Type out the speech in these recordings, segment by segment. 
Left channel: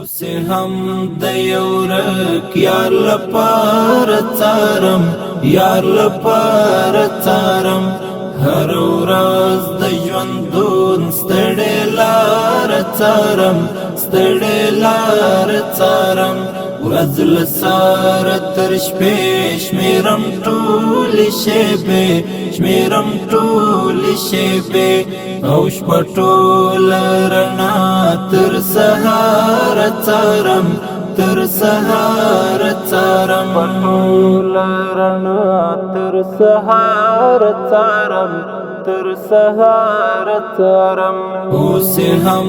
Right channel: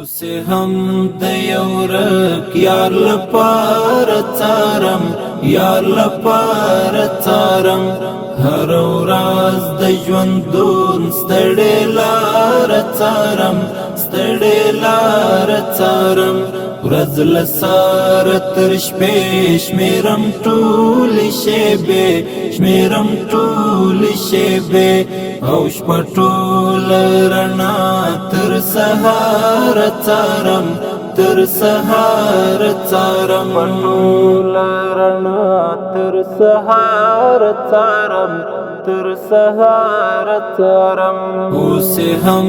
اوس هم د یو ورک یار لپاره څارم، یار لپاره څارم. هر ورځ د ژوندون ستړې لاره څارم، ستړې لاره څارم. ورځ له سهاره تر شپې شمېرم ټولې شېبې، شمېرم ټولې شېبې. او شپه ټوله رڼا تر سهاره څارم، تر سهاره څارم. ټوله رڼا تر سهاره څارم، تر سهاره څارم. اوس هم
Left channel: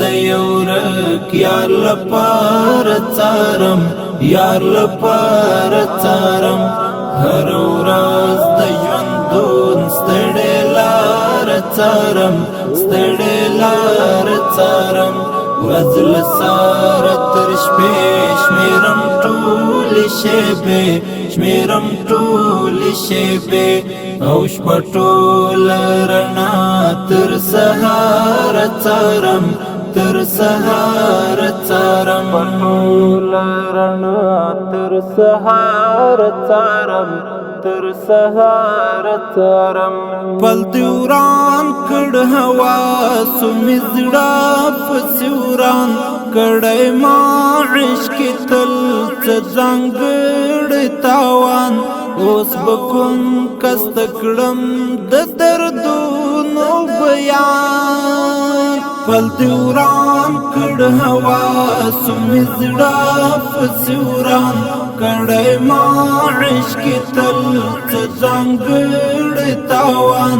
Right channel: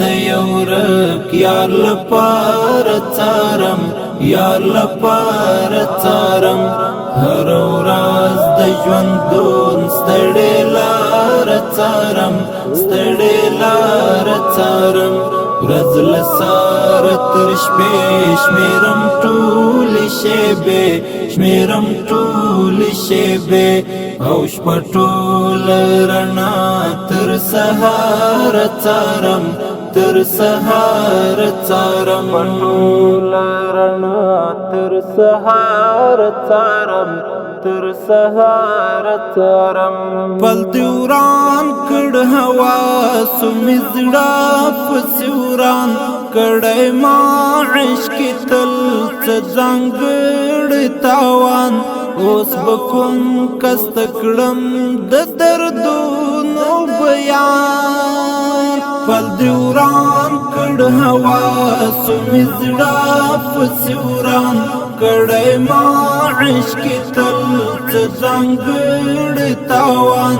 د یو ورک یار لپاره څارم، یار لپاره څارم. هر ورځ د ژوندون ستړې لاره څارم، ستړې لاره څارم. ورځ له سهاره تر شپې شمېرم ټولې شېبې، شمېرم ټولې شېبې. او شپه ټوله رڼا تر سهاره څارم، تر سهاره څارم. ټوله رڼا تر سهاره څارم، تر سهاره څارم. پل دی وران کړ هوا سو مې زړه پسې وران کړی ما عشق تل څه ځانګړی تاوان. اوس به کوم کس ته کړم د دردونو بیان. پل دی وران کړ هوا سو مې زړه پسې وران کړی ما عشق تل څه ځانګړی تاوان.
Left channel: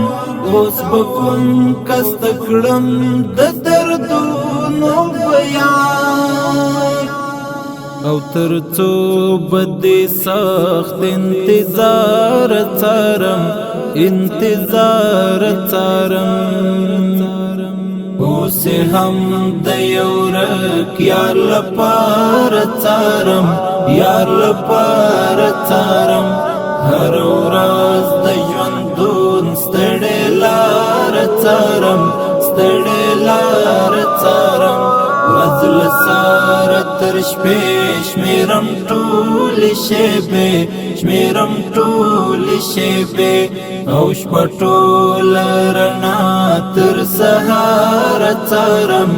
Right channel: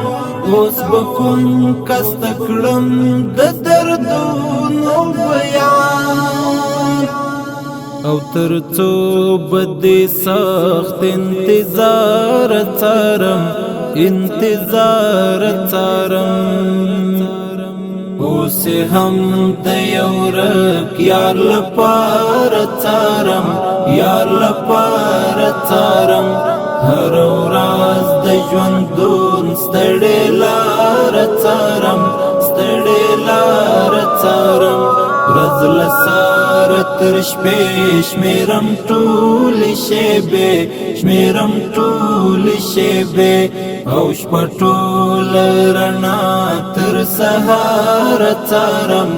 اوس به کوم کس ته کړم د دردونو بیان. او تر څو بدې سخت انتظار څارم، انتظار څارم. اوس هم د یو ورک یار لپاره څارم، یار لپاره څارم. هر ورځ د ژوندون ستړې لاره څارم، ستړې لاره څارم. ورځ له سهاره تر شپې شمېرم ټولې شېبې، شمېرم ټولې شېبې. او شپه ټوله رڼا تر سهاره څارم،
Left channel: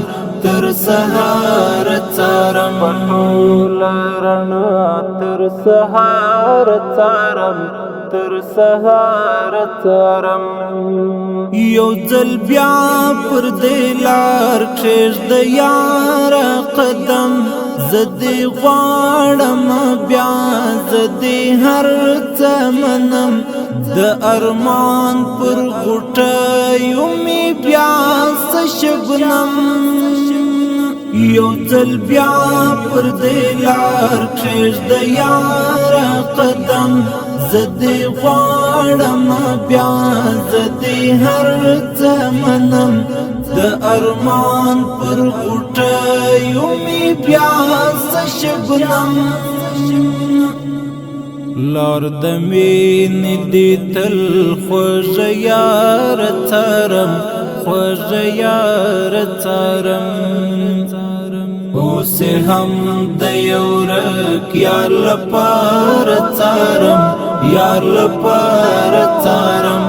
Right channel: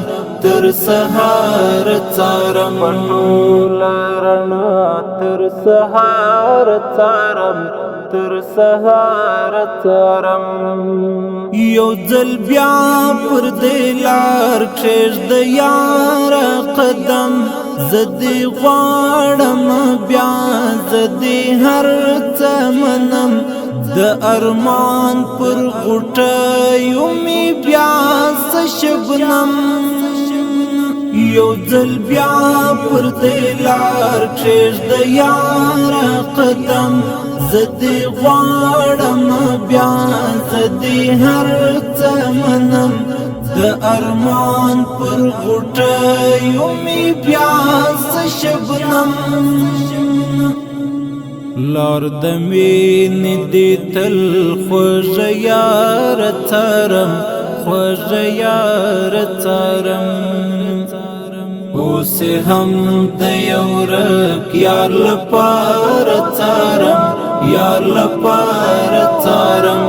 تر سهاره څارم. ټوله رڼا تر سهاره څارم، تر سهاره څارم. یو ځل بیا پر دې لار کښېږده یاره قدم. زه دې غواړم بیا، زه دې هر څه منم. د ارمان پر غوټیو مې بیا څه شبنم. یو ځل بیا پر دې لار کښېږده یاره قدم. زه دې غواړم بیا، زه دې هر څه منم. د ارمان پر غوټیو مې بیا څه شبنم. لار د مینې دې تل خوږه یاره څارم، خوږه یاره څارم. اوس هم د یو ورک یار لپاره څارم، یار لپاره څارم.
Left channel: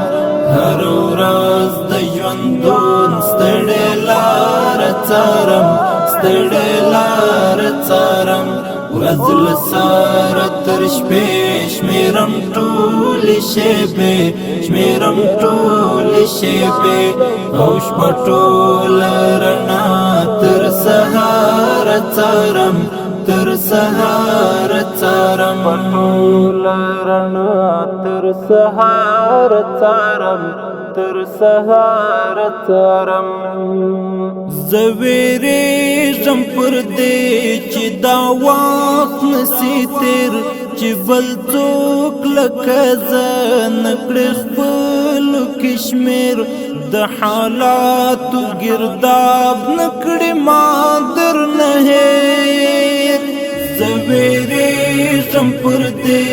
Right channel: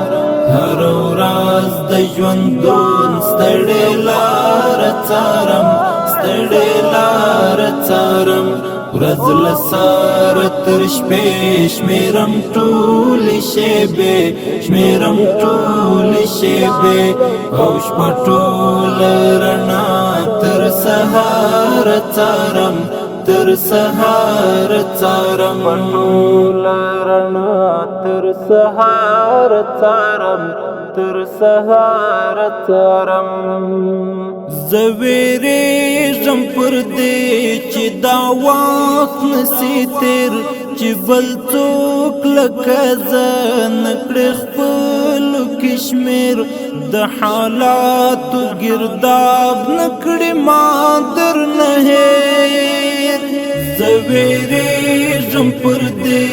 هر ورځ د ژوندون ستړې لاره څارم، ستړې لاره څارم. ورځ له سهاره تر شپې شمېرم ټولې شېبې، شمېرم ټولې شېبې. او شپه ټوله رڼا تر سهاره څارم، تر سهاره څارم. ټوله رڼا تر سهاره څارم، تر سهاره څارم. زه وېرېږم پر دې چې دا وخت نسي تېر، چې بل څوک لکه زه نکړي خپلو کې شمېر. د حالاتو ګرداب نکړي ما درنه هېر. زه وېرېږم پر دې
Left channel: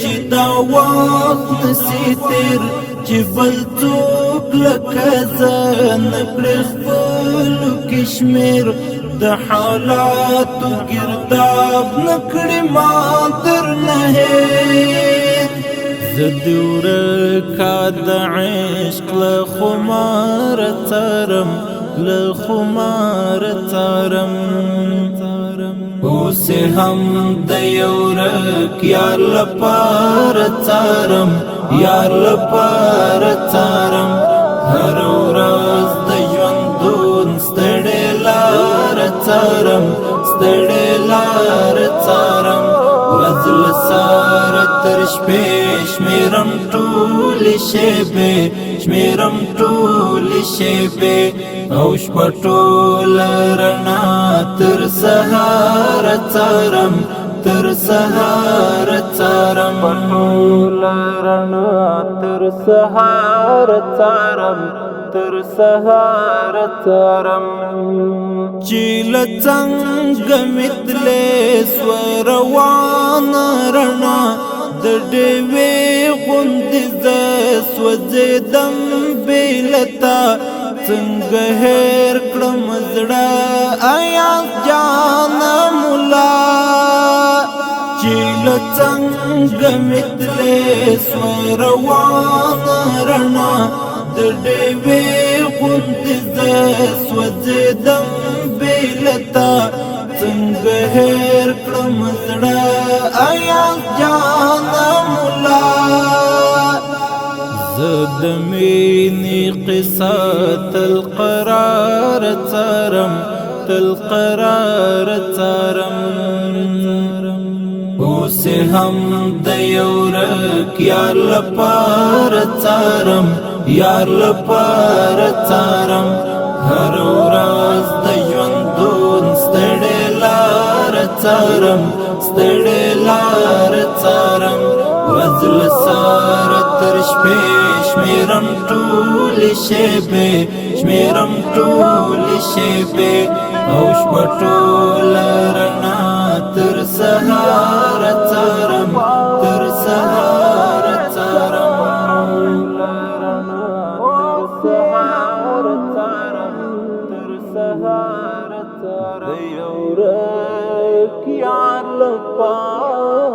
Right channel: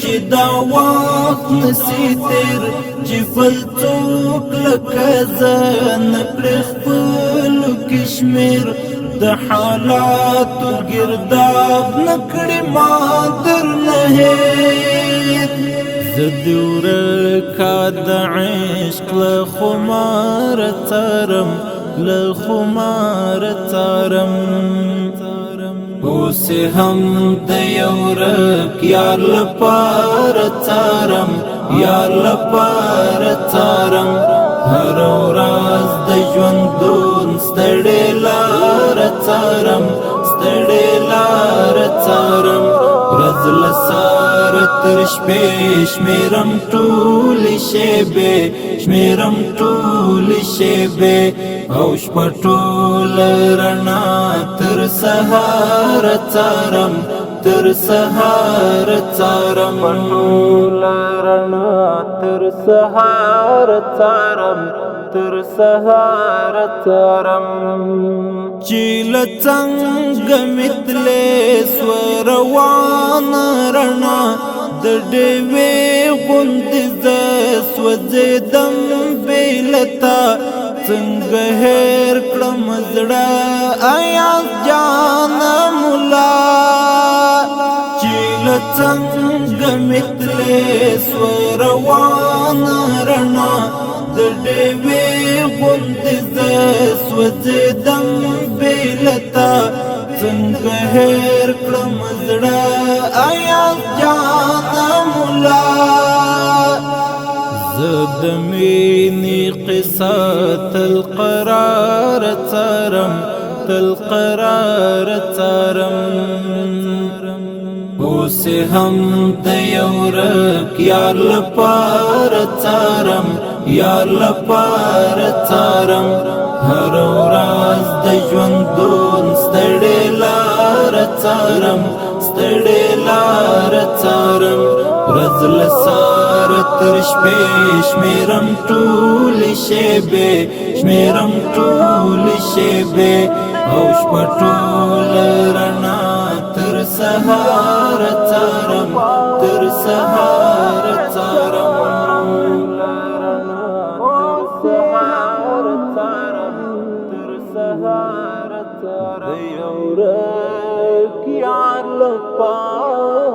چې دا وخت نسي تېر، چې بل څوک لکه زه نکړي خپلو کې شمېر. د حالاتو گرداب نکړې ما درنه هېر زه دې ورکا د عشق له خماره څارم له خماره څارم اوس هم د یو ورک یار لپاره څارم یار لپاره څارم هر ورځ د ژوندون ستړې لاره څارم ستړې لاره څارم ورځ له سهاره تر شپې شمېرم ټولې شېبې شمېرم ټولې شېبې او شپه ټوله رڼا تر سهاره څارم تر سهاره څارم ټوله رڼا تر سهاره څارم تر سهاره څارم چې له څنګه مې تلې سوه روانه رڼا د ډېوې غوندې زه سوځېدم بې له تا څنګه هېر کړم زړه ایاز جانه ملا چې له څنګه مې تلې سوه روانه رڼا د ډېوې غوندې زه سوځېدم بې له تا څنګه هېر کړم زړه ایاز جانه ملا زه د مینې قصه تل قرار څارم تل قرار څارم اوس هم د یو ورک یار لپاره څارم یار لپاره څارم هر ورځ د ژوندون ستړې لاره څارم ستړې لاره څارم ورځ له سهاره تر شپې شمېرم ټولې شېبې شمېرم ټولې شېبې او شپه ټوله رڼا تر سهاره څارم تر سهاره څارم تر سهاره څارم د یو ورک یار لپاره